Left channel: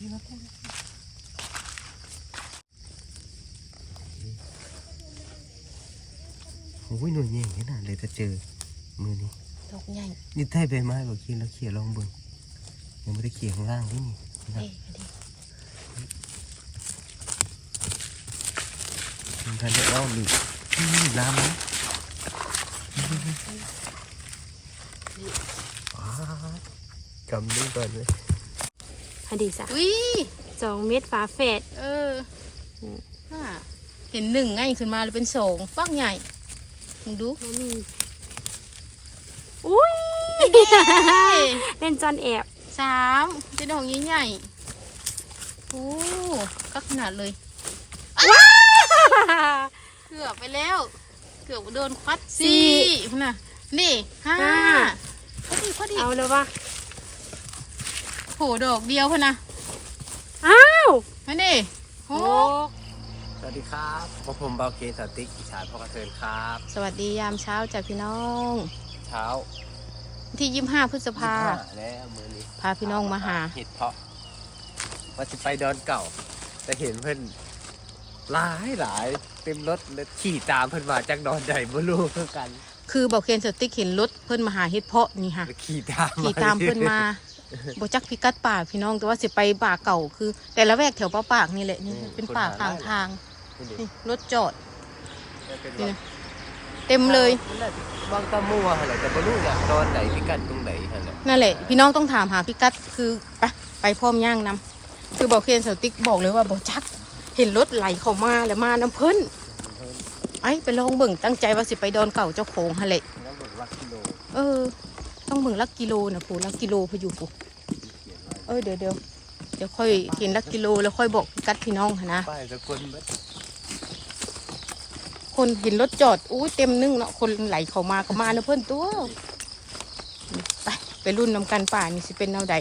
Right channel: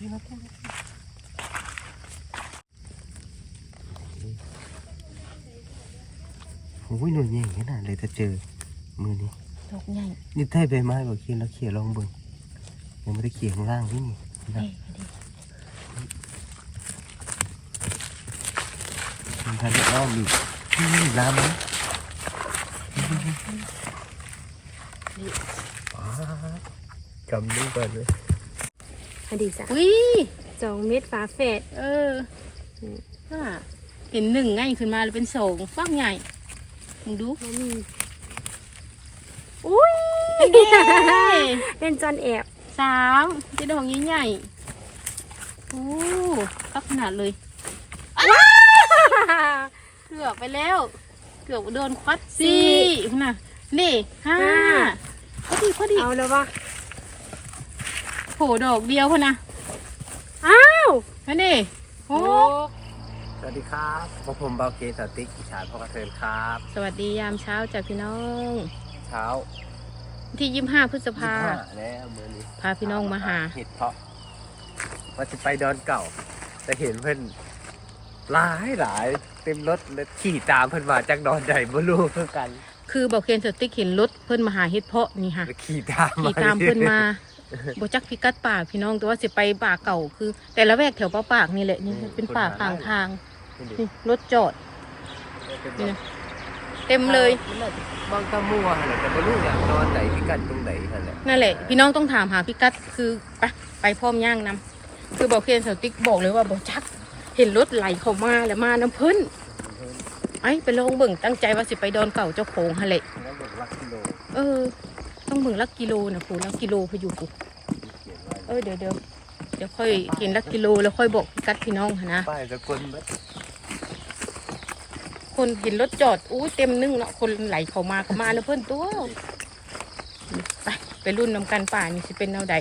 นี่มาพูดโอ้ยหน่วยใหญ่ขนาดเลยถ้าเจอมือนี้ดอกใหญ่นี่ใต้ใบไม้บอกกินแล้วเขี่ยลองเบิ่งยังไม่ได้เขี่ยข้างล่างที่นี่นะเอ้ยพอดีมันทันได้อ้อมอีกนี่ลามไหมอ้าวกำนึงก่อนเลยพ อดีจ้ะวิสองเม็ดฝาแฝดเออน่ะเห็นหนึ่งง่ายขึ้นมาเลยเป็นสองฟักใหญ่มึงดูมันมีอุ้ยเด้เป็นจอนแอบสามเจะดอกใหญ่ๆโอ้ก็ขนาดเลยเกือบไปแล้ว เกือบโดนควัดสี่น่ะนี่ห้าพอดีพอดีเอาเลยวะ โผดอกเดียวพอนะอ้าวมาดิโอ้สวัสดีครับพบผมเบาเกสติกอีสานพ่อกระเทินครับ สวัสดียามเช้าจากพี่น้อง เช้า ที่ยี่ห้าพฤษภายี่สิบห้แล้วมือนี้พาพี่น้องมาหาเห็ดเพาะว่าจะไปดอนเก่า แต่เห็นเพื่อนหลายหลายเต็มรถเลยขี่ตามเพื่อนมาจากดอนใหญ่บ่รู้คือกัน คือบอกเคนสติ๊กเห็นรถเพิ่นมาหาเฮ็ดเพาะนี่ค่ะแล้วขี่ตามขี่ตามเพิ่นมา บจักพิกัดป่าพี่น้องแต่ว่าสิไปป่าเก่าคือ แต่ละแวกแถวป่าปากนี่แหละนี่เป็นป่าข้างทางนี่รถจอดนี่เต็มเลยบางตะมัวอะไรแต่ไม่รู้เนี่ยดอนไหนพิกัดตรงไหนอะไรนั่นแหละ พี่น้องต้องถามหาพิกัดคือไปไปพร้อมย่างนำคือบอกเคนสติ๊กบอกเลยว่าบจัก เห็นรถไหลเข้ามาแล้วมาน้ำเพิ่นไอ้ไปลองเบิ่งตั้งใจว่าสิไปดอนเก่าเจ้าโขงฮะเละแล้วบอกลักกิโลเออต้อง เบิ่งลักกิโลนะครูลักกิโลพออยู่กูเขียนไว้เออเดี๋ยวเดี๋ยวเดี๋ยวค่อยเขียนลักกิโลแล้วค่อยบอกพิกัดพี่น้องหั้นนะป้ายสกลบัดคนเห็นรถจอดอู้เต็มนึ่งแล้วคนไหลเข้ามาเข้ามาเนอะเพื่อนตัวไปไปรุ่นนำกันป่านี่สิเป็นแนวใด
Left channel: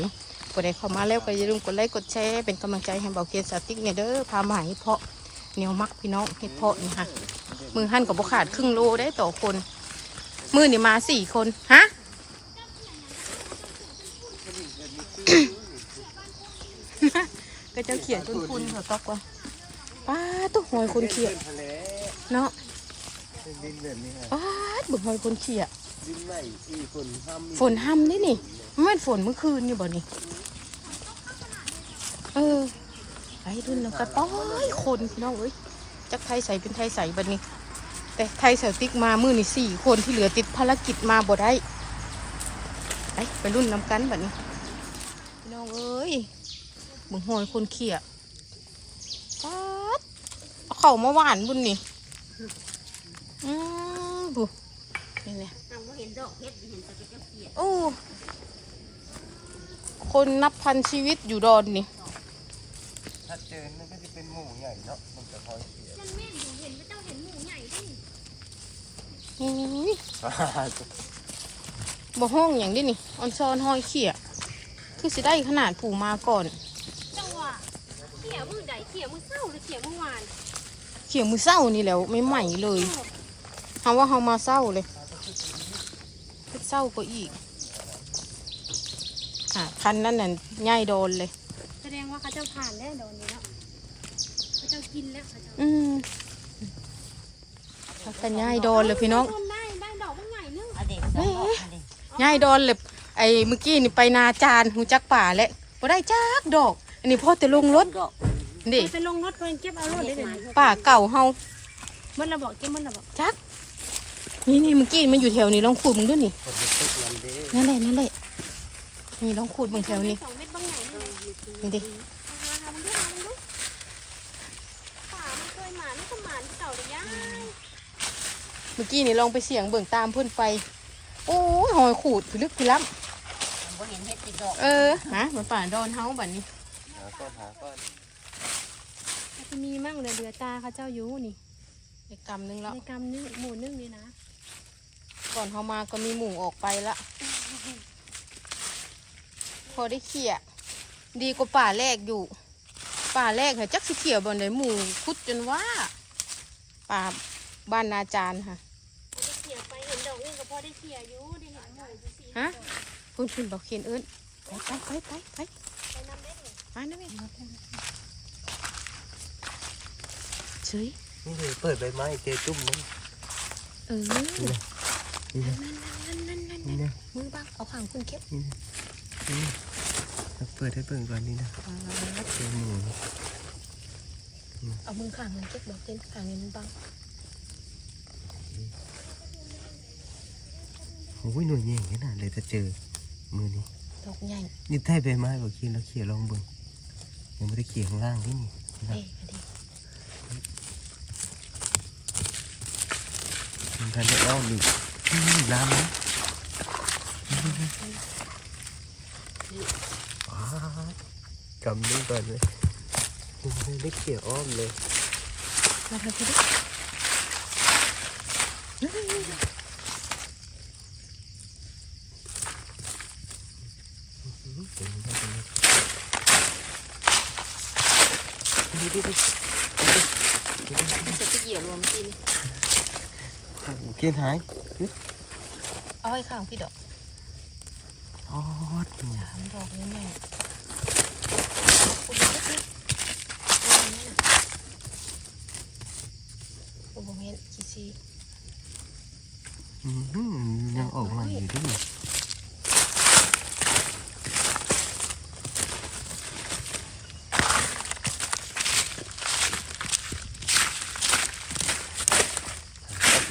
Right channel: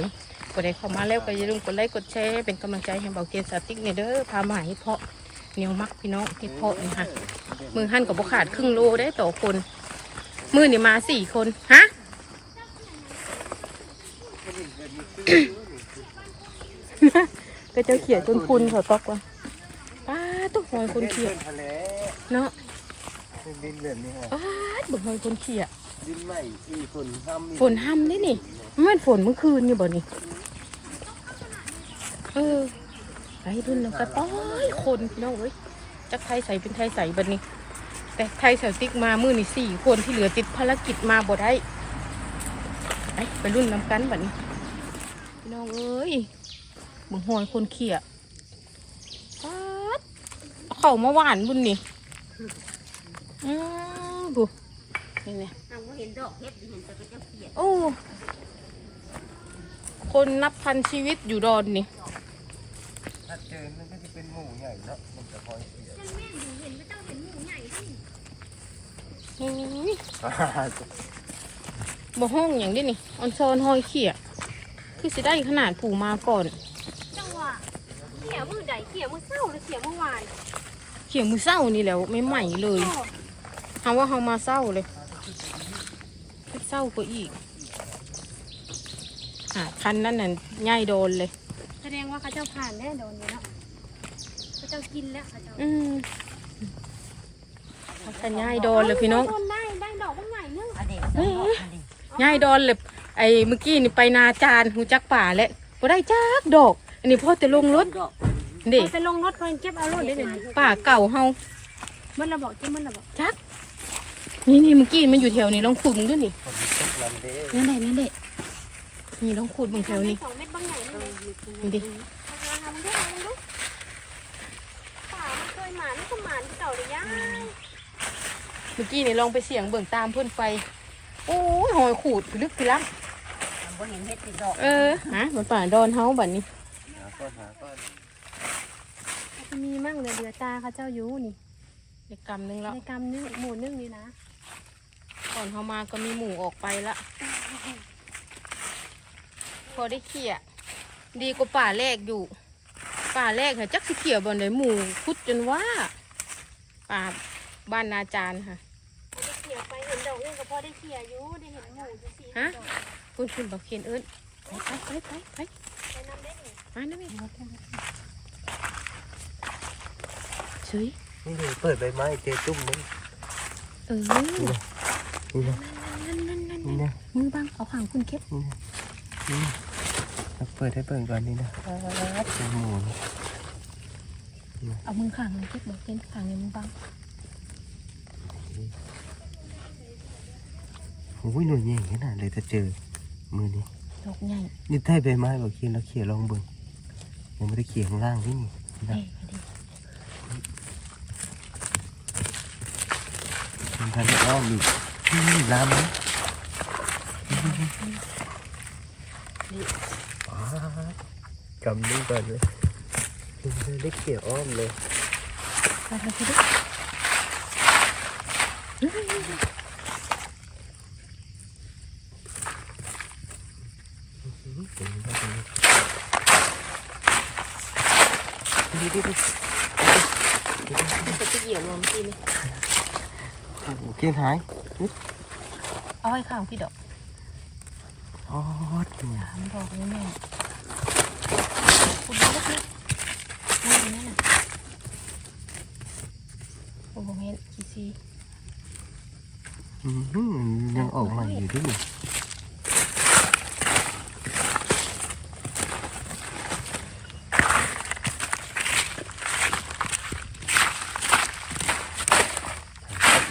กดไลค์เข้ามาแล้วก็อย่าลืมกดไลค์กดแชร์เป็นกำลังใจให้เบาเกียรติสาติกเนี่อยเด้อพามาหาเห็ดเพาะเหนียวมักพี่น้องเห็ดเพาะนี่ค่ะมือหั่นกับบขาดครึ่งโลได้ต่อคน มือนี่มาสี่คนฮะ ก็ เจ้าเขียจนคุณเขาตอกว่าป้าตุ๊กหอยคนเขียเป็นทะเลเนาะเป็นดินแบบนี้ฮะป้าบุกหอยคนเขียดินใหม่ที่ฝนทำฝนห้ำนี่นี่มันเป็นฝนเมื่อคืนนี่บ่นี่เออไปดุนน้ำกระป้อยคนพี่น้องเอ้ยจะไทยใส่เป็นไทยใส่บัดนี้ แต่ไทยใส่ติ๊กมามือนี่สี่คนที่เหลือติดภารกิจมาบ่ได้ไปไปรุ่นน้ำกันบัดนี้พี่น้องเอ้ย บุกหอยคนเขียป๊าดเอาเข่ามาหวานบุญนี่อืมบุนี่เนี่ยเห็นดอกเห็ดเห็นแต่เป็นเจ้าเขียดโอ้คนนับพันชีวิตอยู่ดอนนี่ถ้าเจอมันก็จะเป็นหมูใหญ่เนาะมันจะพอยเขียวอื้อบ่ห้องอย่างนี้นี่ออนซอนหอยเขี่ยคือสิได้ขนาดผูมาก่อนจังหวะเขียมือใดเขียมือเศร้าหรือเขียมือวานเขี่ยมือเศร้านี่แหล้วไม่ใหม่เลยคำว่าเฮามาเศร้าเลยเศร้าก็อีกอะคันนั้นน่ะง่ายโดนเลย แสดงว่าเขาเจ้าผ่านแน่โดนนี้แล้วเขาเจ้ากินแล้วเขาเจ้าอืมคันง่ายโดนเลยพี่น้องโดนได้ได้ดอกว่าไงนึงง่ายดอนเลยไอ้เมื่อกี้นี่ไปนาจานหูจักป่าแล้วบ่ได้จักดอก อันนี้พ่อจะลงรถ เด็กไปลงรถเพิ่นเก็บเอารถได้เลยป่าเก่าเฮามันระบอกจะมันระบอกจักนี่นี่เมื่อกี้มันอยู่แถวนี้ลองขุดมึงด้วยนี่นั่นเลยนั่นเลยนี่ลองขุดมึงแถวนี้สองเม็ดบางใหญ่นี่เลยนี่ดิทำมันด้วยมันด้วยป่ามันเคยหมานมันก็หมานเก่าเลยย่าเมื่อกี้นี่ลองไปเสียงเบิ่งตามเพื่อนไปโอ้ยหอยขูดลึกพิลับเออฮะมันป่าดอนเฮาบัดนี้จะ มีมั่งเลยเดือตาเขาเจ้าอยู่นี่ได้กำนึงแล้วในกำนึงหมู่นึงนี่นะ ก่อนเฮามาก็มีหมูออกไปละพอได้เขี่ยดีกว่าป่าแรกอยู่ ป่าแรกเนี่ยจักสิเขี่ยบนไหนหมูคุดจนว่า ป่าบ้านนาจารย์ค่ะได้เขี่ยไปเห็นดอกนึงก็พอได้เขี่ยอยู่ได้เห็นหมู่อยู่สี่ฮะดอกคุณคุณบอกเขียนเอิ้นไปไปไปไปไปไปมานะแม่เฉยนี่เลยเปิดใบไม้เจอตุ้มมั้งเออนี่นะนี่นะนั่นนั่นนั่นนี่นะมือบังเอาขางคุณเก็บนี่นะเอาเปิดให้เปิดก่อนนี่นะเจอหมูนี่เอามือขางคุณเก็บบอกเห็นขางนี้มือบังโอ้ยหน่วยใหญ่ขนาดเลยถ้าเจอมือนี้ดอกใหญ่นี่ใต้ใบไม้บอกเขียนแล้วเขียนลองเบิ่งยังไม่ได้เขียนข้างล่างที่นี่นะ เอ้ยมาดิมันทันได้อ้อมอีกนี่น้ำนะว้าวกำนี่ก่ เขียนหายเอาให้ข้างพี่ดอกอ๋อสามดอกนี่แม่คุณดูลูกนี่นี่นี่น่ะโอ้โหเห็นจีซีอืมยังออกใหม่อยู่ดิ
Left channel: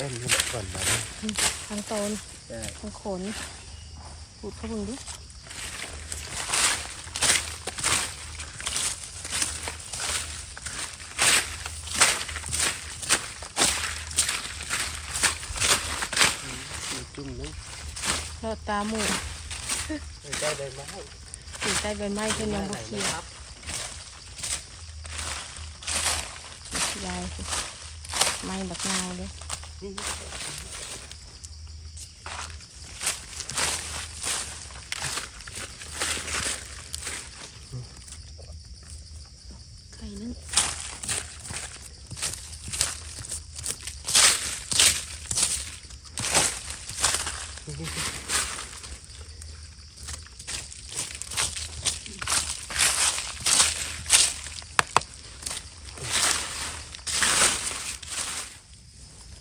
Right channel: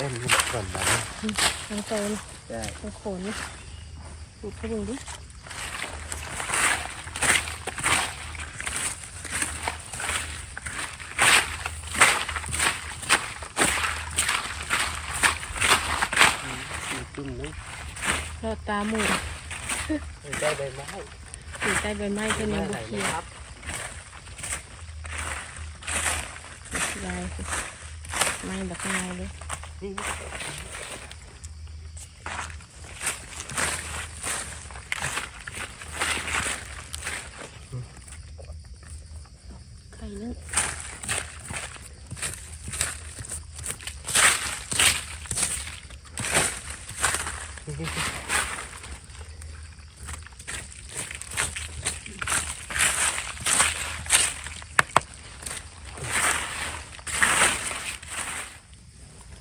เล่นกันก่อนนะทางโซนทางขนดูเขาดูดิจุ่มนึงทอดตาหมูได้ใบไม้ถือใต้ใบไม้เป็นยังบุกเขียวครับไม้แบบงายเลย นี่ ไข่นึ่ง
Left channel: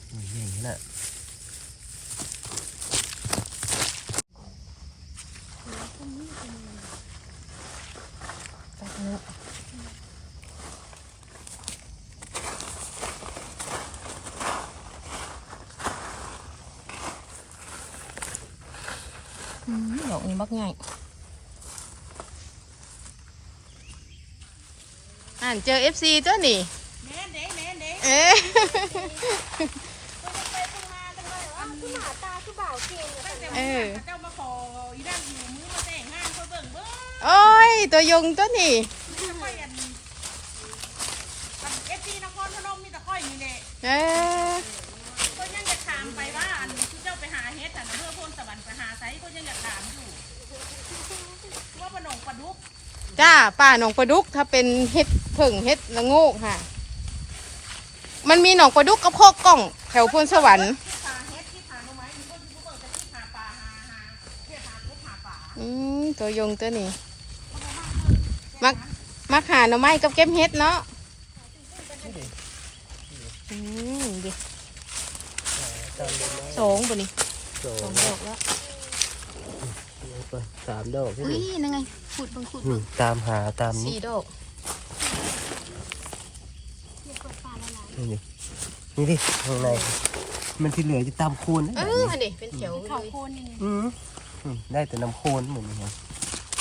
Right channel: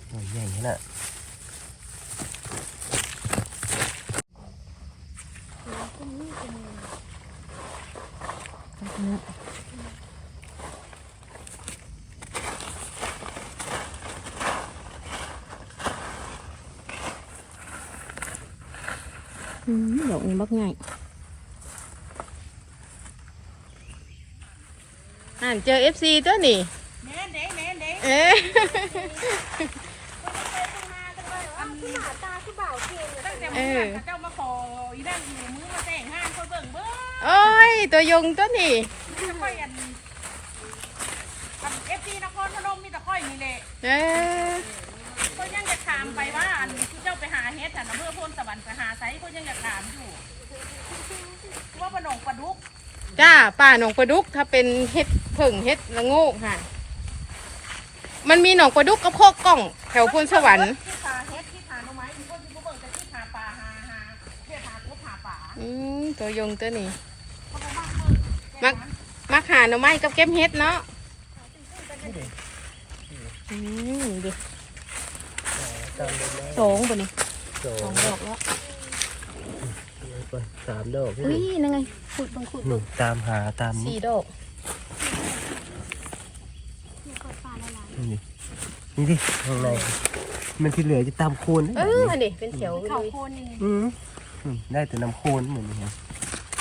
หน่วยใหญ่ขนาด ตักเนื้อ อืมดอกนี้บักใหญ่อ่านเจอ FC ตัวนี่เน่เน่เน่เน่เอ๊ะที่หมาตาที่บ่าวเก่งตั้งแต่เมื่อวานเขาเจ้ามาขออีนั่นอยู่มือมาแต่งงานเขาเบิ่งเบิ่งโอ้ย ตัวยงตัวนี่จะค่อยอันเอฟซีนครพนมมีแต่ค่อยนี่แหละ เออเขายังจะถามไปว่าอันที่เจ้าไปหาเฮ็ดอันอำเภอโพนสวรรค์ไปหาไซเขายังจะถามอยู่ว่าปนงปลาดุกจ้าป่าหนองปลาดุกถ้าเป็นเฮ็ดเพิ่งเฮ็ดละโงกค่ะ มันมีหนองปลาดุกกับโคกกล้อง แถวพนสวรรค์ที่หาเฮ็ดที่หาหน่อไม้มีคนที่ผู้เบิ่งแต่ที่หาปลาหาหาเฮ็ดหากบหาปลาอืมตัวยงตัวนี้มักมักหาหน่อไม้กับเก็บเฮ็ดเนาะอืมดิจำได้ไหม สองตัวนี้สอสองงดอกแล้วสามดอกพี่อุ้ยนั่นไงขุดเบังขุดนี่ตามหาตามนี้สี่ดอกนี่ดินี่ดิข้างในมันที่เหลือจะตามโคนเอนะออันนี้เป็นแถวเลเขายโคนนี่อืมอืมได้แต่น้ำโคนเหมือนกัน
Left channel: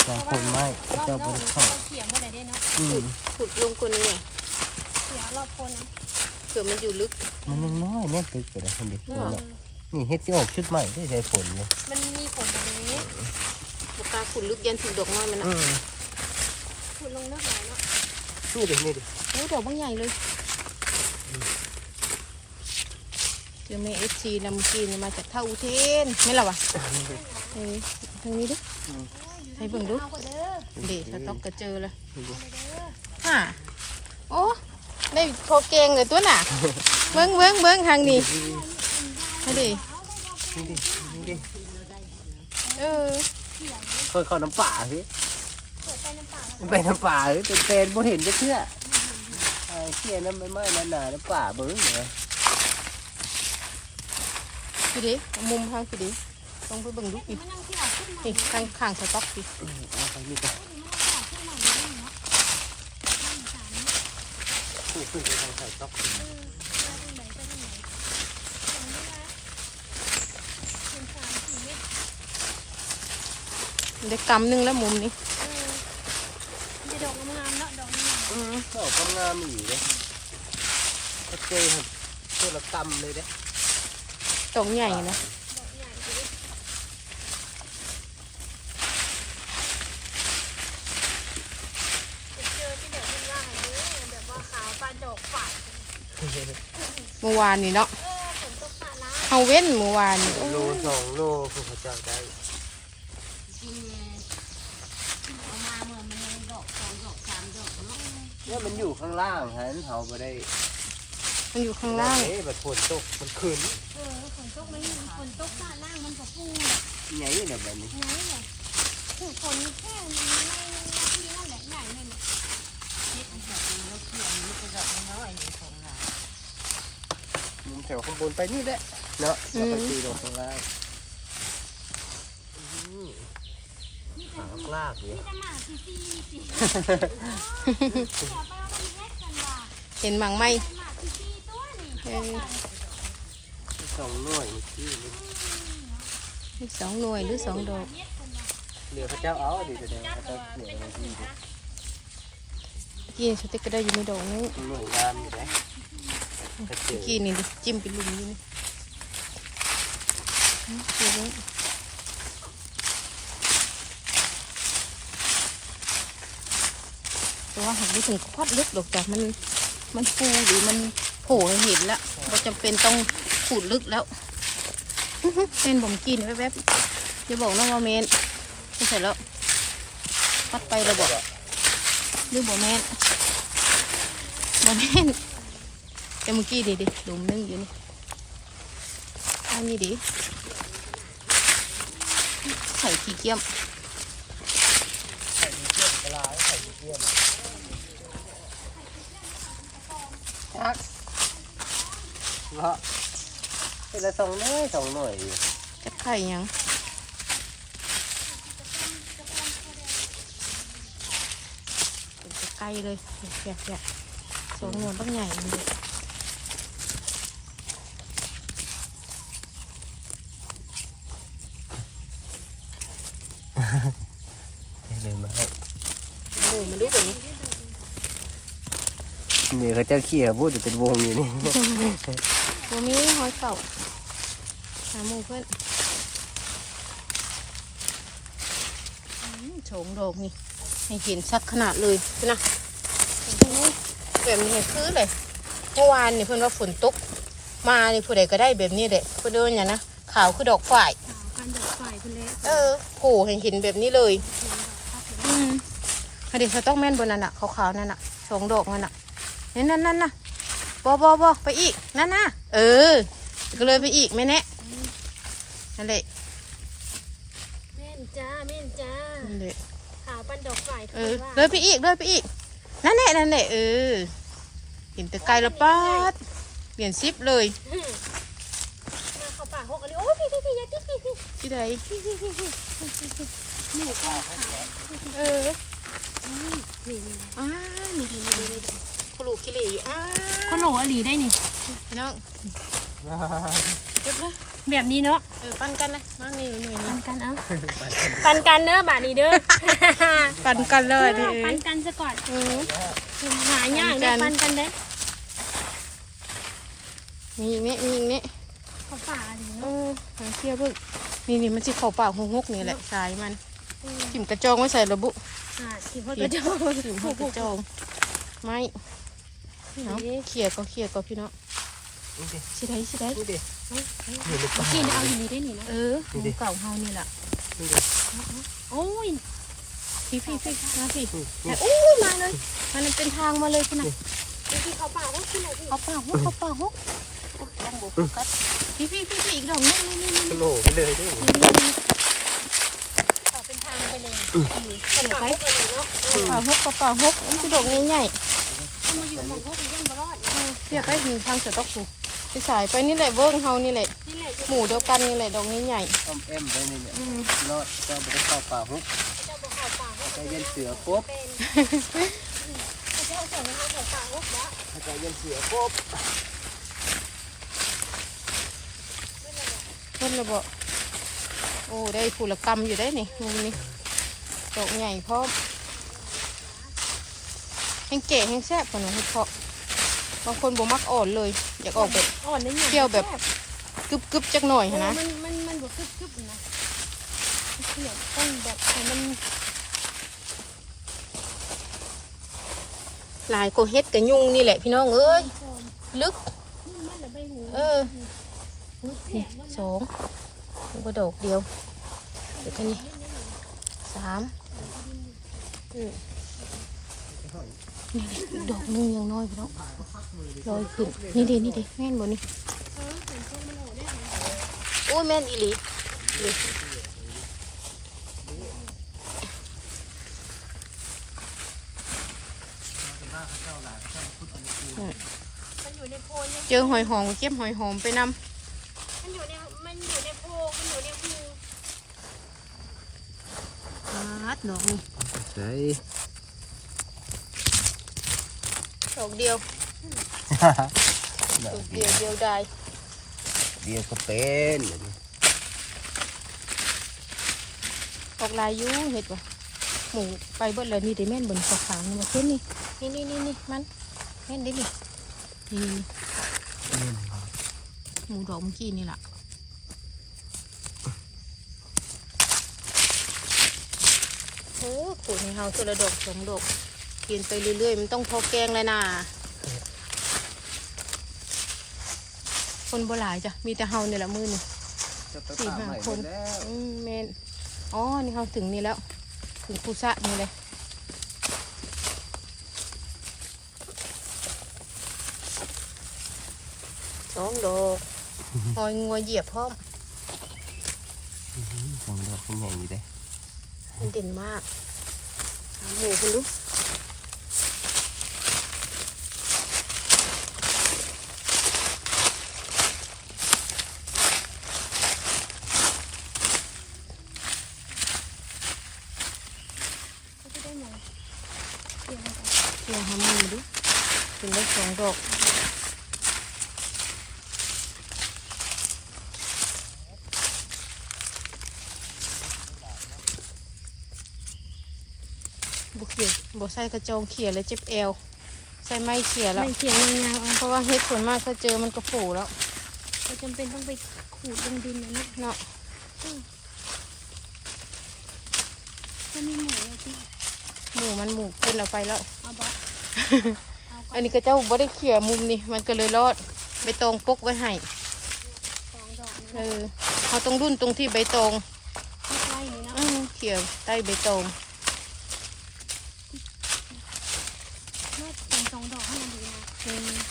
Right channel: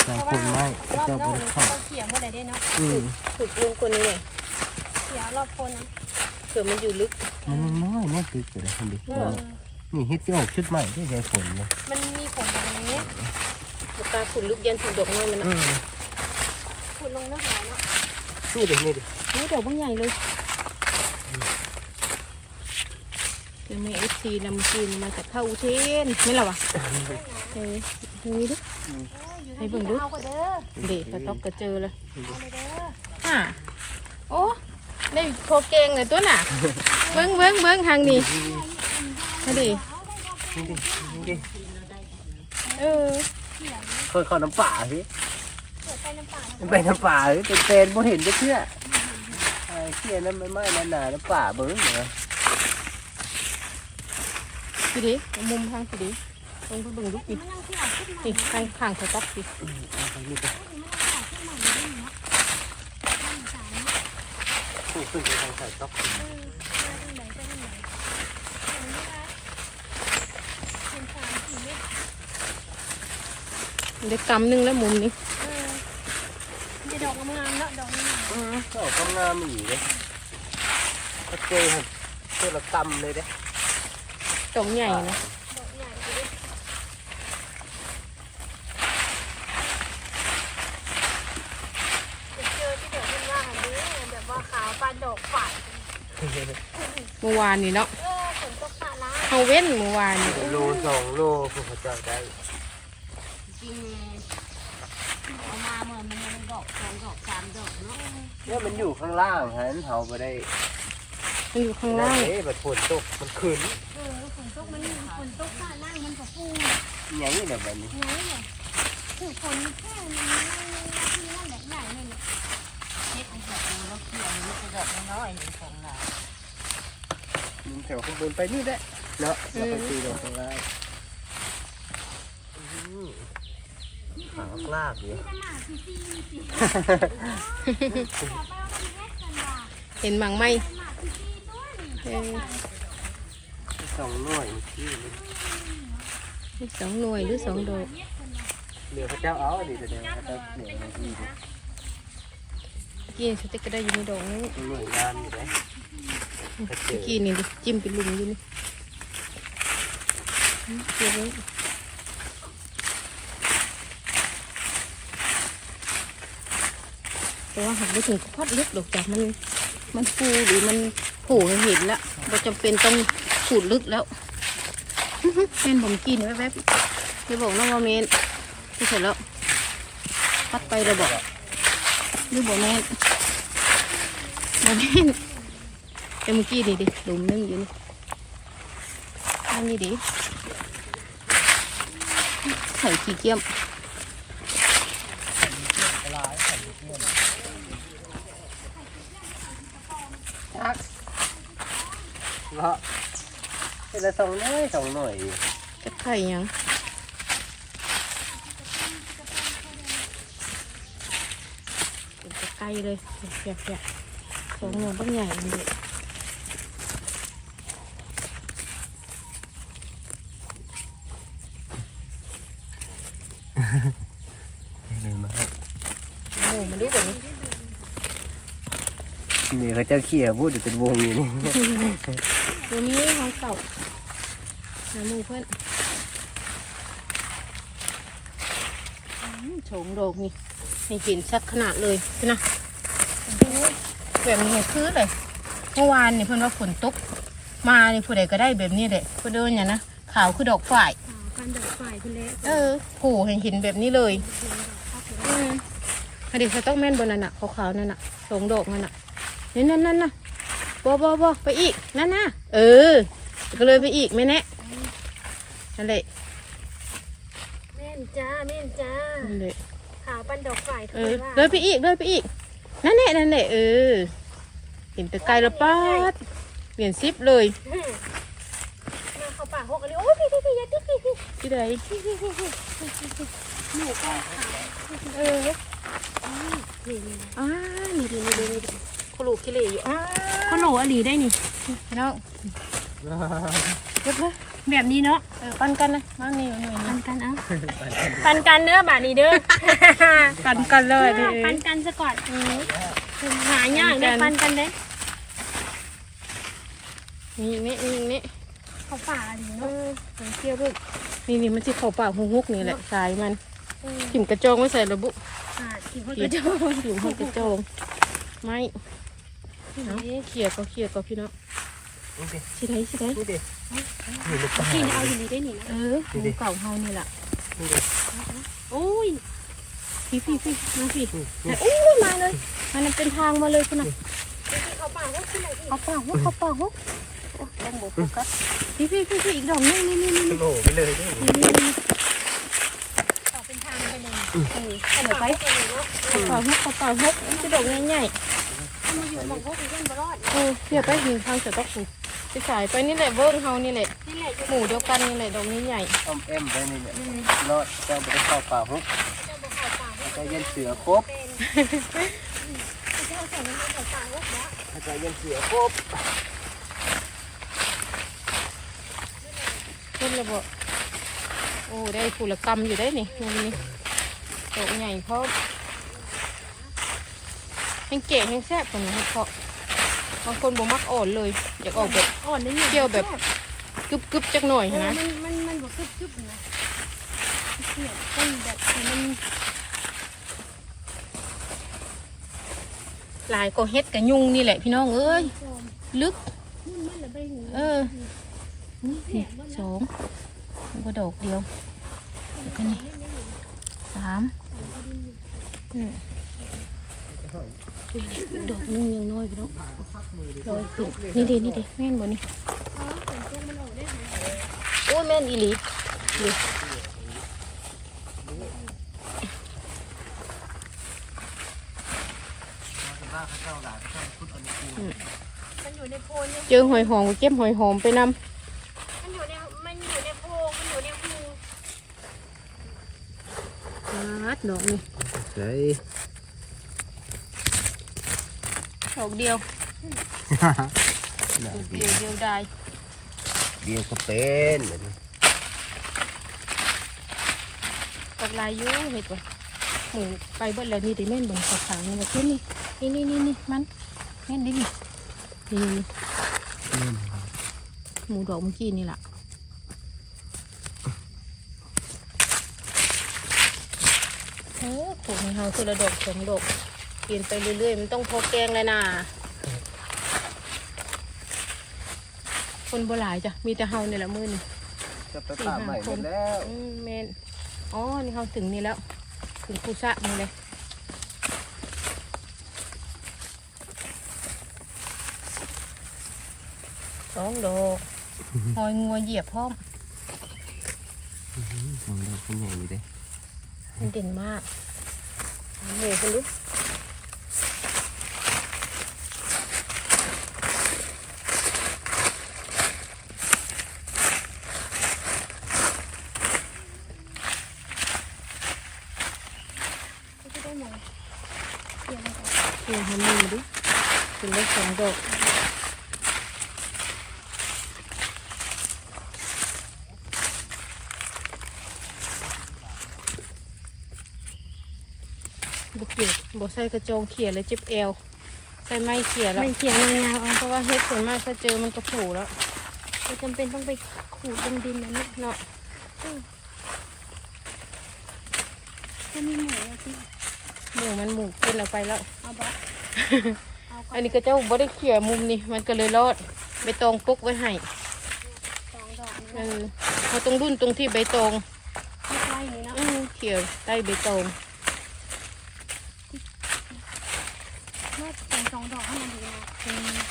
น้ำโคนไม้รอบก็นอกไม่นี่เข้าเขาเขียงหมดเลยได้เนาะอืมขุดลงคนนี้เนี่ยเขียงรอบโคนนะเผื่อมันอยู่ลึก มันยังน้อยแน่ตึกอยู่นะคุณดิเออนี่เฮ็ดที่ออกชุดใหม่ได้ใช้ฝนเลยมันมีผลอะไรนี้ปากกาขุดลึกยันถึงดอกน้อยมันอืนะมขุดลงเนื้อหาเนาะนี่ดินี่ดินี่ดอกบางใหญ่เลยเจอแม่เอฟซีลำจีนมาจากท่าอุเทนนี่แหละวะเฮ้ยทางนี้ดิให้เบิ่งดูเอาก็เด้อเด็สต็อกก็เจอเลยเอาเลยเด้ออะโอ้ ได้โคเกงเลยตัวน่ะ เบิ้งเบิ้งเบิ้งทางนี้นี่ดินี่ดินี่ดิเออเคยเข้าน้ำป่าสิเดี๋ยวไปน้ำป่ามันเป็นน้ำป่าหรือเป็นเป็นบ่เห็นจะเชื่อไอ้เชี่ยน้ำไม่ไหม้นาหนาน้ำป่าเบิ้งเหรอพี่ดิเอามุมทางพี่ดิลงไปเบิ่งลูกอีกมันยังที่ออกขึ้นมานี่ข้างข้างสต๊อกสิ เอาไปนี่ก็ มันยังออกขึ้นมาเลยเนาะมันสาม คู่ ขึ้นไปทางสายต๊อกเออไปทางไหนไปทางไหนเห็นไหมคะเห็นสามสี่เมตรได้กำหนึ่งแล้วมุมนี้เออมันจะดอกงามๆเนาะดอกงามอือเขากำงามอีกเลยก็เจอครับเจ้าละกำเลยเด้ตรงใหญ่นะ ดอกใหญ่เลยจะเจอที่เดี๋ยวเป็นว่าหันดูแบบว่าขาวปลาดอกฝาด เมื่อวานนี่เนาะเออฝนตกปลาล้าเขาเว้นเมื่อวานนี่โลสองโลพวกเขาเจ้าได้กินเอามาเมื่อมันยังดอกสองดอกสามดอกเนาะเนี่ยมันอยู่ข้างล่างฮะเขาไปได้มันอยู่ข้างล่างเอ๊ะแบบฝนตกมันขึ้นเออฝนตกมันฝนตกปลาล่างมันก็ฟูอยังนี้แบบนี้ไงเนี่ยคือฝนแค่นี้ที่นั่นดอกใหญ่นั่นแหละ เฮ็ดอีกแบบนึงแล้วเกี่ยวนี่ก็ดอกน้อยๆของเรา มัน แถวข้างบนไปนี่แหละเนาะแล้วก็ตีลงข้างล่างอืมขาวกลากอยู่เห็นหมังไหมสองหน่วยที่สองหน่วยหรือสองดอกเหลือพระเจ้าเอาดีแต่เดียวพระเจ้าเหลือในที่ดิยี่ชุดติ๊กก็ได้ยู่ในดอกนี้หน่วยงามอยู่เลยกระ เจิเมื่อกี้นี่ดิจิ้มเป็นลุมอยู่นี่เดี๋ยวนี้แต่ว่าหักไปถึงควัดลึกดอกจากมันมันฟูหรือมันโผล่เห็นแล้วเราจำเป็นต้องขูดลึกแล้วเป็นผมกินแวบๆจะบอกนะว่าเมนไม่ใช่แล้วพัดไปเราบอกหรือบอกแมนบอกแมน แต่เมื่อกี้นี่ดิหลุมนึงอยู่นี่อันนี้ดิใส่ขี้เกียมครับเนาะเป็นละสองหน่วยสองหน่วยจะไข่หยังเป็นตะไคร้เลยเสียบๆสองหนวดต้องใหญ่มันเลยเลยมาให้ โอ้มันดูแบบนี้ นี่เขาเจ้าเขี่ยพูดอยู่เป็นวงอยู่นี่ตัวนี้หอยเก่าหาหมูเพื่อนอืมโฉงโดกนี่ให้เห็นชัดขนาดเลยนะแบบนี้คือเลยเมื่อวานนี่เพื่อนว่าฝนตกมานี่ผู้ใดก็ได้แบบนี้แหละเพื่อนเดินอย่างนะขาวคือดอกฝ่ายขาวกันดอกฝ่ายคุณเละเออโผล่เห็นเห็นแบบนี้เลยอืมอันนี้เขาต้องแม่นบนนั่นน่ะขาวๆนั่นน่ะสองดอกมันน่ะ นี่นั่นนั่นน่ะบอบอบอไปอีก นั่นน่ะเออ ก็เลยไปอีกไม่แน่นั่นแหละแม่นจ้าแม่นจ้านั่นแหละขาวปันดอกฝ่ายเอทุกอว่าเลยไปอีกเลยไปอีก นั่นแหละนั่นแหละเออ เห็นแต่ไกลและป้าดเปลี่ยนซิปเลยมาเข้าป่าหกอันนี้โอ้ยพี่พี่พี่อย่าติ๊กพี่พี่ที่ใดพี่พี่พี่พี่หนูกองขาวเออนี่นี่อ่านี่ดีนี่ดีนี่ดี ขลุขี้เหร่อยู่อ่าเขาโหลอลีได้นี่พี่น้องเยบร้อยแบบนี้เนาะเออปันกันเลยมานี่หน่วยปันี้นกันเอาปันกันเด้อบาทนี้เด้อ ปันกันเลยดิปันกันซะก่อนอืมหายากเด้อปันกันเด้อนี่นี่นี่นี่เขาป่าดีเอเนาะหางเที่ยวด้วยนี่นี่มันสิเขาปากหงกนี่แหละสายมันถิ่มกระจองไว้ใส่ระบุอ่าที่เขาจะถิ่มให้กระจองไม่ เอาเขี่ยก็เขี่ยก็พี่น้องนี่ดิสิได้สิได้นี่ดิอยู่ในป่ากินเลเอายอยู่ได้นี่นะเออหมูเก่าเฮานี่แหละนี่ดิโอ้ยพี่พี่พี่มาสินี่อู้ยมาเลยมันเป็นทางมาเลยคุณน่ะเขาป่าว่าคุณอะไรเขาปากฮกเขาปากฮกโอ้ต้องบอกโฟกัสพี่พี่พี่พี่อีกดอกนึงนี่นี่นี่นี่โลไปเลยดินี่นี่นี่เขาเป็นทางไปเลยเออเดี๋ยวไปเออปลาปลาฮกปลาปลาฮกนี่คือดอกใหญ่ถ้า มาอยู่หมองพวกนี้ยังบ่รอดๆเออเขี่ยไปถึงทางเสือตกสูไปสายไปนี่แหละเบิ้งเฮานี่แหละนี่แหละจะหมู่เดียวกันนี่แหละดอกใหญ่อ้อมแอมไปนี่เนี่ยรอดเจ้าบ่ได้เข้าป่าฮุกจะบ่เข้าป่าเจ้าเย็นเสือครบเป็นจะเอาใส่น้ำมันเข้าป่าลูกนะเจ้าเย็นเสือครบขึ้นเลยบ่โอ้ได้ผุละกรรมอยู่ได้นี่นี่นี่ดอกใหญ่เพราะ แห้งเก๋แห้งแซ่บกว่านี้ให้เพาะบางคนบ่มักอ่อนเลยอยากออกแบบอ่อนนี่เที่ยวแบบกึบกึบๆจักหน่อยนะนะมันมันมันบ่คึบๆนะเขี่ยต้นแบบให้มันหลายก็เฮ็ดกับยุงนี่แหละพี่น้องเอ้ยลึกมันละใบหูเอออุ้ยนี่สองแล้วก็ดอกเดียวเดี๋ยวกันนี่สามอืม ดอกนึงยังน้อยพี่น้องลอยขึ้นนี่เลยนี่เลยแม่นบ่นี่โอ้ยแม่นอีหลีนี่มันอยู่ในโพนยังเจอหอยหอมก็เก็บหอยหอมไปนำ มันอยู่ในมันอยู่ในโพรงมันอยู่ในหู อาดดอกนี่ ใช่ ดอกเดียวดอกเดียวเดียวได้เดียวก็เป็นแบบนี้ดอกลายอยุ่เห็ดก่อนหมูไปเบิดแล้วนี่ได้แม่นบนขาวๆนี่มาเช่นนี่นี่นี่นี่นี่มันแม่นได้นี่นี่นี่หมูดอกเมื่อกี้นี่แหละโอ้ปลูกให้เฮาคือละดอกสองดอ กเปลี่ยนไปเรื่อยๆมันต้องโทรแกงเลยนะคนโบหลายจ้ะมีแต่เฮานี่แหละมือนี่จะไปป่าใหม่หมดแล้วอืมเมนอ๋อนี่เขาถึงนี่แล้วถึงกุสะนี่เลยสองดอกหอยงัวเหยียบพร้อมสองดอกเป็นอย่างนี้เด้มันเด่นมากเอาเหยียบคุณลูก เดี๋ยวทำมือดิถึงได้สองดอกบุกเขียบใส่กระโจงเขียเลยเจ็บเอวใส่ไม้เขียแล้วไม่เขียนยาวๆเอาเพราะว่าเฮ็ดส่วนมากถ้าเจอมันจะผูแล้วเราจำเป็นต้องไปขูดลงดินนะเนี่ยเนาะถ้ามีหมูอะพี่ หมูมันหมูกินเอาไปแล้วเอา บะเอาก่ออันนนี้ก็เจ้าบ่ได้เขี่ยมุมนี่มันก็เลยรอดใบตองปกไว้ให้สองดอกเอนี่นะอเขาต้องรุ่นตรงที่ใบตองใกล้ๆนี่นะอื้อเขี่ยใต้ใบตองเมื่อเป็นสองดอกให้มันดีนะ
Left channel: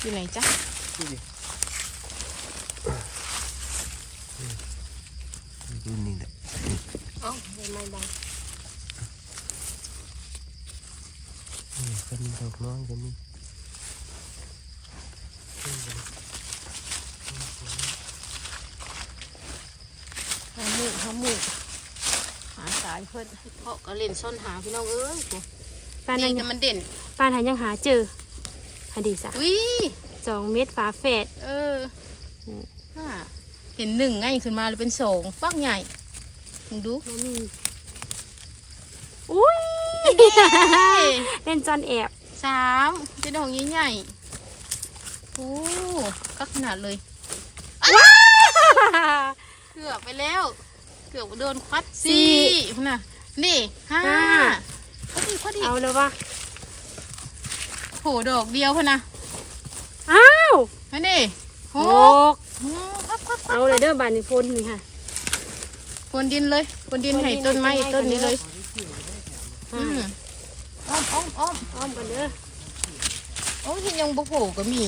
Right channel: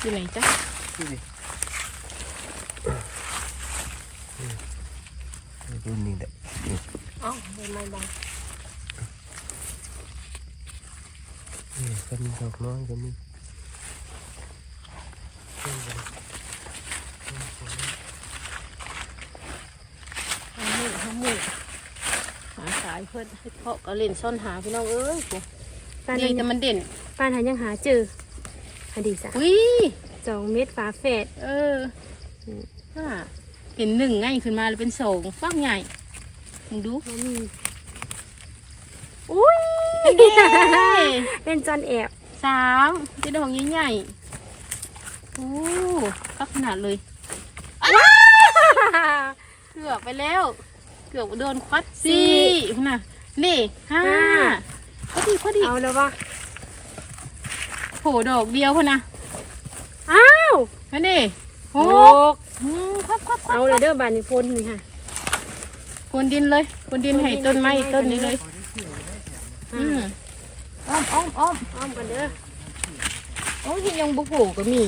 อยู่ไหนจ๊ะดูดิดูนี่แหละ อ๋อใบ ไม้บางนี่ก็มีดอกน้อยก็มีหาหมูหาหมูหาสายเพิ่นให้เพาะก็เล่นซ่อนหาพี่น้องเอ้ยป้านี่นแต่มันเด่นป้าทันยังหาเจอให้ดีจ้ะอุ้ยสองเม็ดฝาแฝดเอออ่าเห็นหนึ่งง่ายขึ้นมาเลยเป็นสองปักใหญ่ มึงดูมันมีอุ้ยเป็นจอนแอบสามเป็นดอกใหญ่ๆโอ้ก็ขนาดเลยเกือบไปแล้ว เกือบโดนควัดสี่น่ะนี่ห้าพอดีพอดีเอาเลยว่าโผดอกเดียวพอนะอ้าวนั่นนี่โหโอ้อืมครับครับครับเอาเลยเด้อบานนี้พนนี่ค่ะ พรวนดินเลยพรวนดินให้ต้นไม้ต้นนี้เลย อืมอ้อมอ้อมอ้อมอ้อมกันเด้อโอ้ยยังบุโผล่ก็มี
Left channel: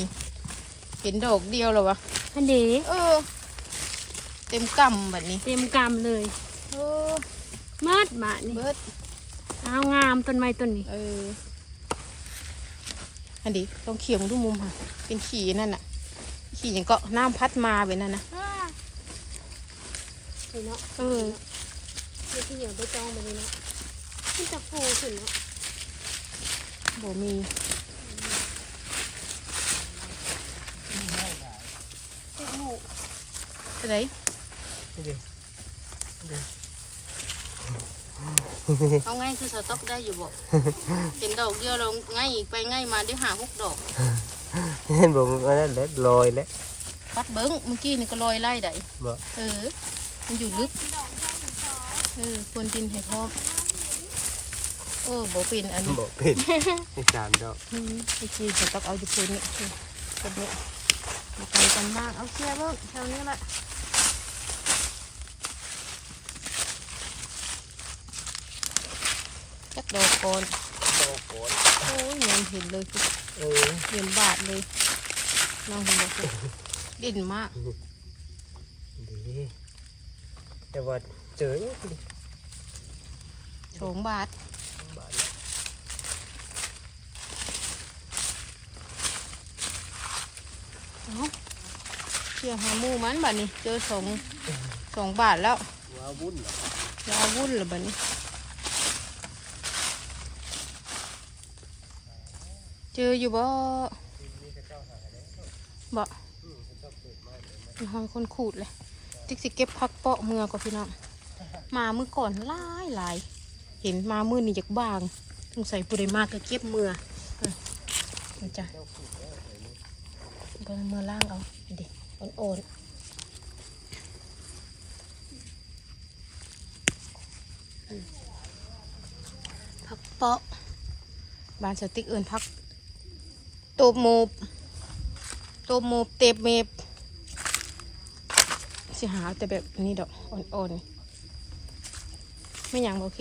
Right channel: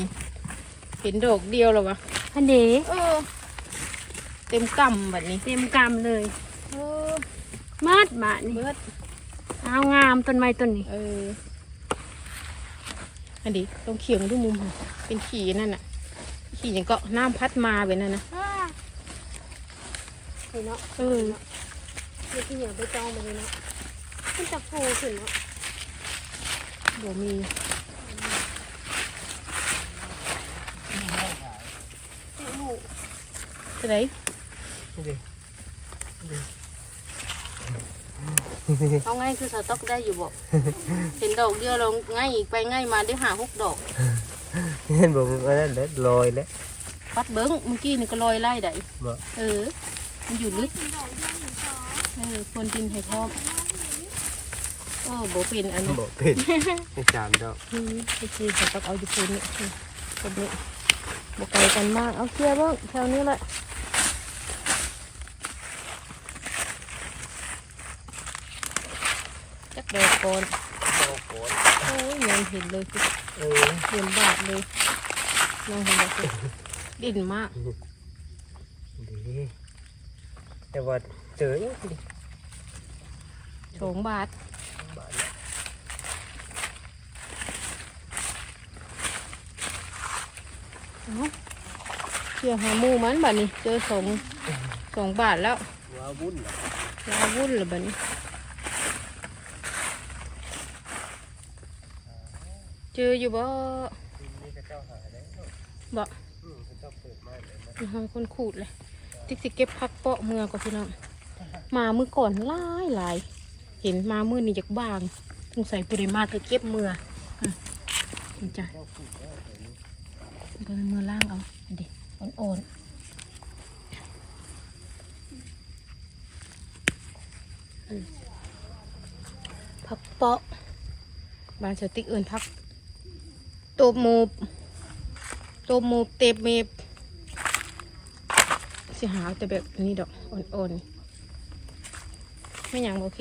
เห็นดอกเดียวแล้ววะอันเด๋เออ เต็มกำแบบนี้เต็มกำเลยเออมาดบาทนี่เบิดเอางามต้นไม้ต้นนี้ เออ อันนี้ต้องเขียงดูมุมค่ะเป็นขี่นั่นน่ะ ขี่อย่างก็น้ำพัดมาแบบนั้นนะ เห็นเนาะเออเดี๋ยวที่เหนียวไปจองไปเลยเนาะมันจะโผล่ขึ้นเนาะบ่มีเท่าไหรเอาไงคือสต๊อกได้อยู่บ่เห็นดอกเดียวเราง่ายไปง่ายมาได้หาหกดอกเห็นบอกว่านั่นแหละลอยแล้วปัดเบิ้งเมื่อกี้นี่ก็ลอยไล่ได้บ่เออ มันอยู่ลึกเออควรดินให้พร้อมเออบ่เป็นอันนี้บอกเป็นไม่จามดอกอืมเมื่อกี้สต๊อกเอาอยู่คืนนี่เป็นนี้บ่ไกลกันมากเอาเคลียร์เบิ้งแถวนี้แหละจักดอกก่อนดอกโกนโอ้ยยังเห็นเลยสิเออเห็นบาทเลยน้องเห็นบอกสิเด่นมากดี แต่ว่าเจอยังสิสองบาทบาทแล้วเอ้าเชี่ยหาหมูมันบัดนี้เจอสองสองบาทแล้วว้าวุ่นเหรอลาวุ่นเลยบัดนี้ เจออยู่บ่นี่จะเจ้าหาแล้วบ่อืมเขาเจ้าเปิดไม้เลยมามีห้องคนขูดเลย ติ๊กสิเก็บพักเปาะเมือก่อนพี่น้องมามือก่อนหลายหลายเห็นมามือนี่จากบางสงสัยปุริมาก็เก็บเมืออะนี่จ้ะเบิ่งเมือล่างเอาเด็กอ่อนๆอืมพักเปาะบานสติ๊กเอินพักโตบโมบโตบโมบเตบเมบ สิหาแต่แบบนี้ดอกอ่อนๆไม่อย่างโอเค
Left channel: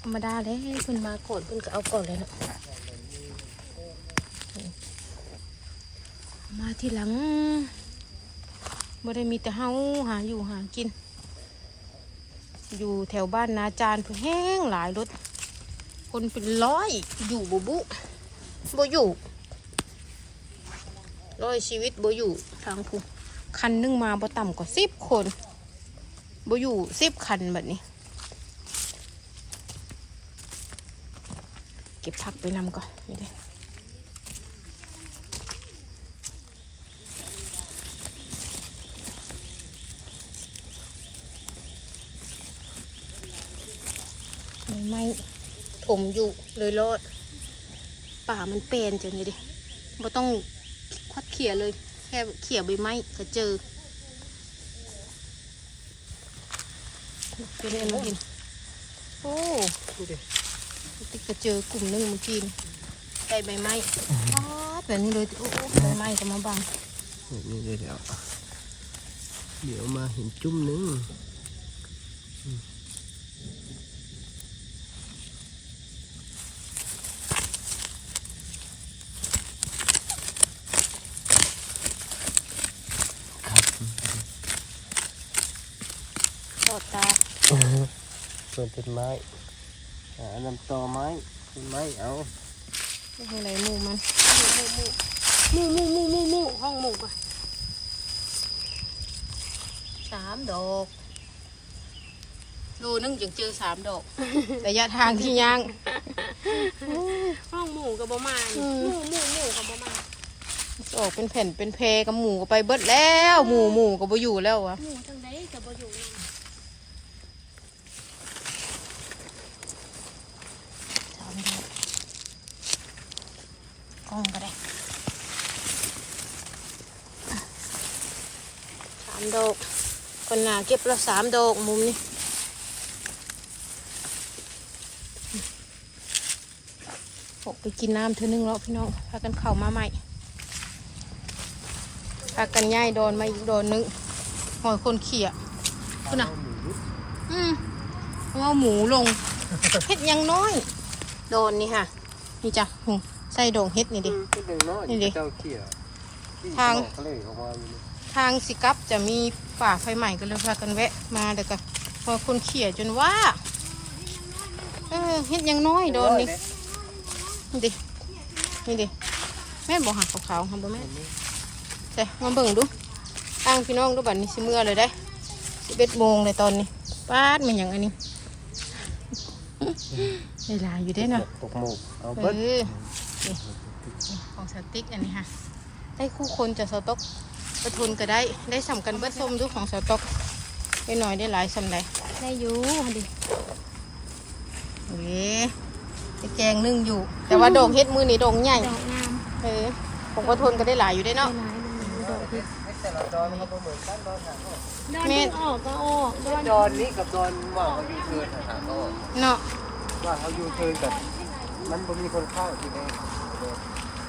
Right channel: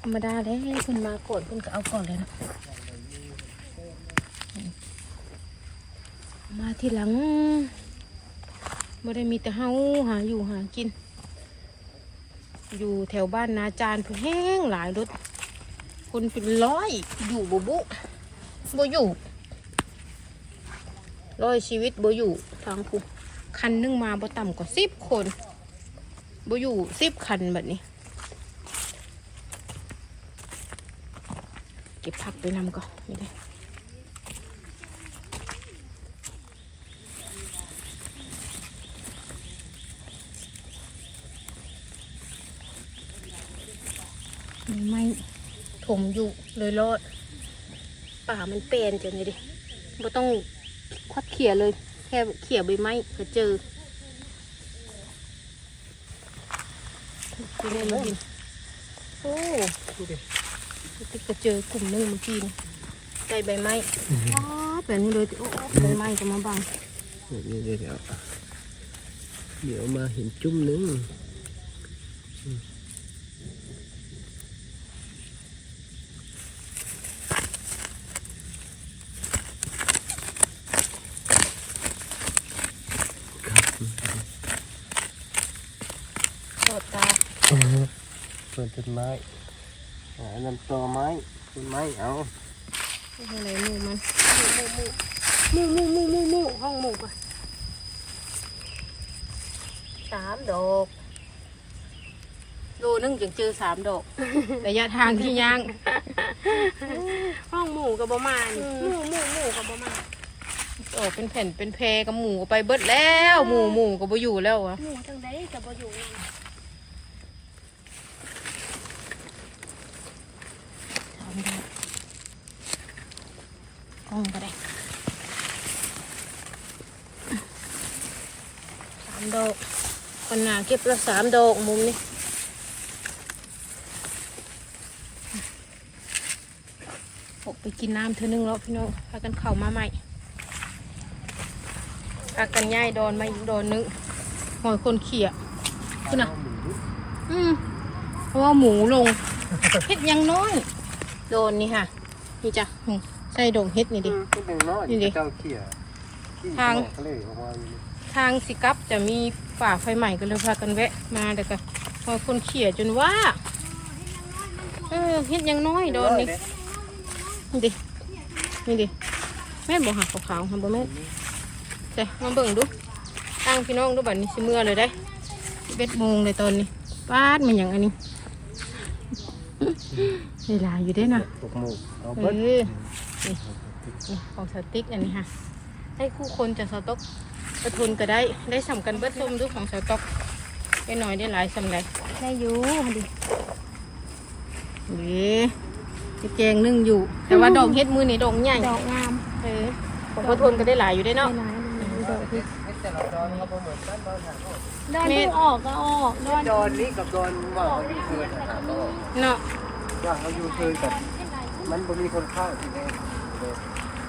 ธรรมดาเลยเพิ่นมาก่อนเพิ่นก็เอาก่อนเลยเนาะมาทีหลังไม่ได้มีแต่เฮาหาอยู่หากิน อยู่แถวบ้านนาจานเพิ่นแห้งหลายรถคนเป็นร้อยอยู่บุบุบ่อยู่ ร้อยชีวิตบ่อยู่ทางผู้คันนึงมาบ่ต่ำกว่าสิบคนบ่อยู่สิบคันแบบนี้ เก็บผักไปนำก่อนนี่เลยไม่ไม่ถมอยู่เลยรอดป่ามันเป็นจังเลยดิบ่ต้อง ขี่ยเลย แค่เขี่ยใบไม้ก็เจอดูได้ไหมโอ้ก็เจอกลุ่มหนึงเมื่อกี้นี่ได้ใบไม้อ๋อแบบนี้เลยโอ้ใบไม้ก็มาบังนี่เดี๋ยวเดี๋ยวเดี๋ยวมาเห็นจุ่มนึง ปวดตา เปิดต้นไม้หาน้ำตอไม้ต้นไม้เอาอะไรหมูมันหมูหมูหมูหมูหมูห้องหมูปะสามดอกโลนึงจึงเจอสามดอกระยะทางที่ย่างห้องหมูกับบ่มานี่หมูหมูหมูกับบ่มาออกเป็นแผ่นเป็นแพกับหมูก็ไปเบิดแล้ว หมูหมูก็บ่อยู่แล้ววะหมูจังได้กับบ่อยู่นั่น สามดอก กล้องก็ได้สามดอกคนหนาเก็บละสามดอกมุมนี้ออกไปกินน้ำเธอนึงแล้วพี่น้องพากันเข่ามาใหม่พากันย่ายโดนมาอีกโดนนึงหอยคนเขี่ยขึ้นน่ะเอาหมูดุอืมเพราะว่าหมูลงเฮ็ดยังน้อย โดนนี่ค่ะ นี่จ้ะนี่ ใส่ดงเฮ็ดนี่ดิขึ้นหนึ่งน้อยนี่ดิเจ้าเขี่ยขี้ทางออกเลยออกมาอยู่นี่ทางสิกลับจะมีป่าไฟใหม่ก็เลยพากันแวะ มาแต่ก็พอคนเขี่ยจนว่าเออเฮ็ดหยังน้อยโดนนี่นี่ดินี่ดิแม่บอกหักขาวๆหันบ่แม่นแต่มาเบิ่งดูอ้างพี่น้องดูบัดนี้สิเมื่อเลยได้สิบเอ็ดโมงเลยตอนนี้ป้าดมันหยังอันนี้ เวลาอยู่ได้อเนาะตกหมูกเอาเอเบิดอ นี่นี่ของสติ๊กอันนี้ค่ะได้คู่คนจะสต๊อกประทุนก็ได้ได้สำกันเบิดส้มดูของสต๊อกได้หน่อยได้หลายสำเลยได้อยู่ดินี่ไอ้แกงนึ่งอยู่ แต่ว่าดอกเฮ็ดมือนี่ดอกใหญ่ดอกงามเออของประทุนก็ได้หลายอยู่ได้ได้เนาะหลายเลยดอกที่ดอนเพิ่งออกก็ออกดอนดอนนี้กับดอนว่าเขาอยู่เทินหาก็เนาะว่าเขาอยู่เทินกับ มันบ่มีคนเข้าที่นี่เด้อ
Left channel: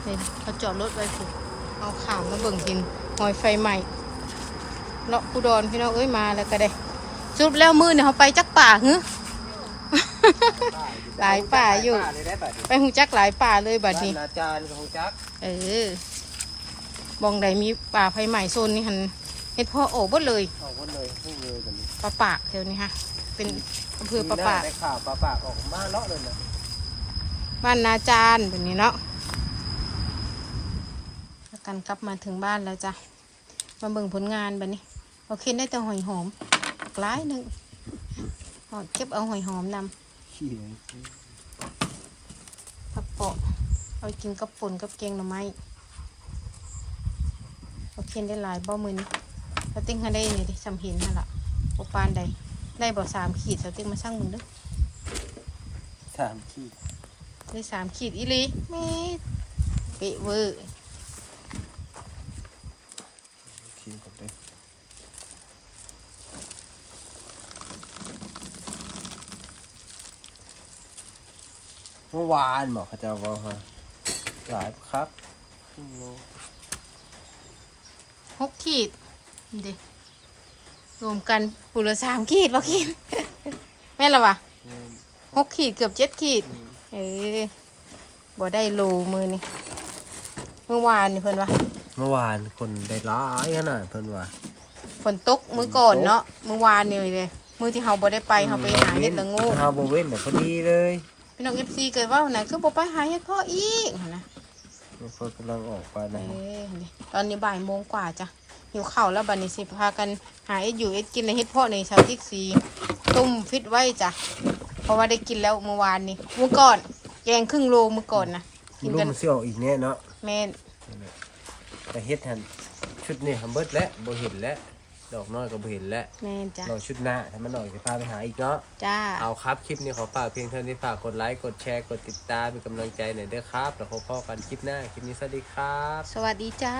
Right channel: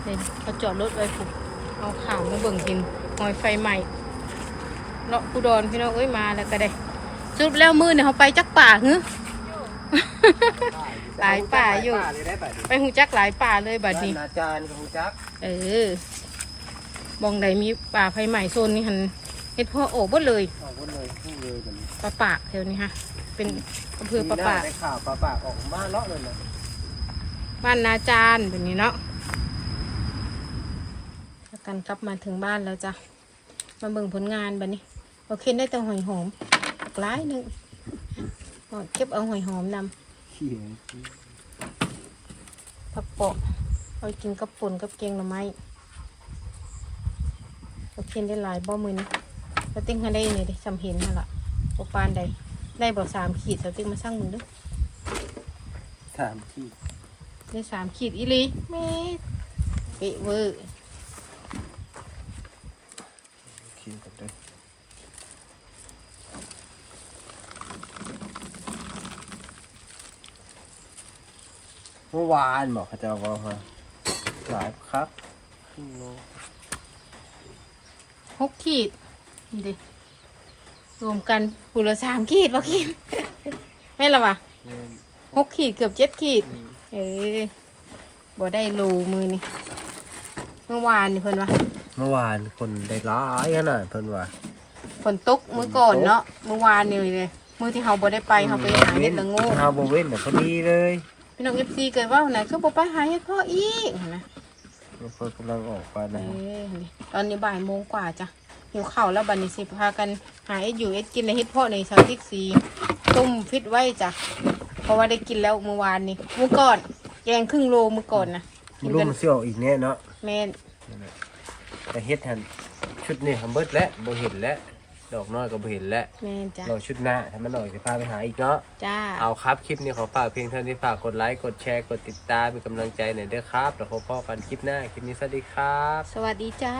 เดี๋ยวเขาจอดรถไว้ผูกเอาข่าวมาเบิ่งกินหอยไฟใหม่เนาะกูดอนพี่น้องเอ้ยมาแล้วก็ได้สุดแล้วมือเนี่ยเขาไปจักป่าหือหลายป่าอยู่เลยได้แบบนี้ไปหูจักหลายป่าเลยบัดนี้อาจารย์ของจัก เออบองใดมีป่าไฟใหม่โซนนี้หันเฮ็ดพ่อโอ้เบดเลยออกหมดเลยพุ่งเลยกันปลาปากเดี๋ยวนี้ฮะ เป็นอำเภอปลาปากได้ข่าวปลาปากออกมาเลาะเลยนะ บ้านนาจารย์แบบนี้เนาะแล้วกันกลับมาถึงบ้านแล้วจ้ะ มาเบิ่งผลงานแบบนี้โอเคได้แต่หอยหอมหลายหนึ่งเก็บเอาหอยหอมนำผักเปาะเอาไปกินกับป่นกับแกงหน่อไม้โอเคได้หลายบ่มือนี้สติ๊กให้ได้นี่ดิจำเห็นนั่นละโอปานใดได้บ่สามขีดสติ๊กมาช่างมึงด้อสามขี้ ได้สามขีดอีหลีแม่เอะเวอร์ขี้กันเลยเมื่อวานบอกเขาจะว่าฮะหลายครับครึ่งโลหกขีดนี่ดิรวมกันปูละสามขีดบ่ขีดแม่นละวะหกขีดเกือบเจ็ดขีด เออบ่ได้โลมือนี่เมื่อวานนี่เพิ่นว่าเมื่อวานคนได้ร้ายขนาดเพิ่นว่าฝนตกมื้อก่อนเนาะเมื่อวานนี่เลยมื้อที่เฮาบ่ได้ไปเฮาไปหาเห็ดละโงูเฮาบ่เว้นแต่พอดีเลยพี่น้อง FC เกิดว่าไหนคือบ่ไปหาเห็ดพ่ออีกนะมันคนกำลังออกไปเอนะอนี่ตอนนี้บ่ายโมงกว่าจ้ะหิวข้าวแล้วบัดนี้สิพากันหาเอ็ดอยู่เอ็ดกินในเห็ดพ่อในชาวติ๊กซีต้มฟิตไว้จ้ะเพ ราะว่าได้กินแล้วเมื่อวานนี้มื้อก่อน แกงครึ่งโลมื้อก่อนนะกินลูกกันมันสิออกอีกแน่เนาะแม่นแต่เฮ็ดหันชุดนี้ทำเบิดแล้วบ่เห็นแล้วดอกน้อยก็บ่เห็นแล้วแม่นจ้ะรอชุดหน้าถ้ามันออกจะพาไปหาอีกเนาะ จ้า เอาครับ คลิปนี้ขอฝากเพียงเท่านี้ฝากกดไลค์ กดแชร์ กดติดตามเป็นกำลังใจหน่อยเด้อครับ แล้วพบกันคลิปหน้า คลิปนี้สวัสดีครับ สวัสดีจ้า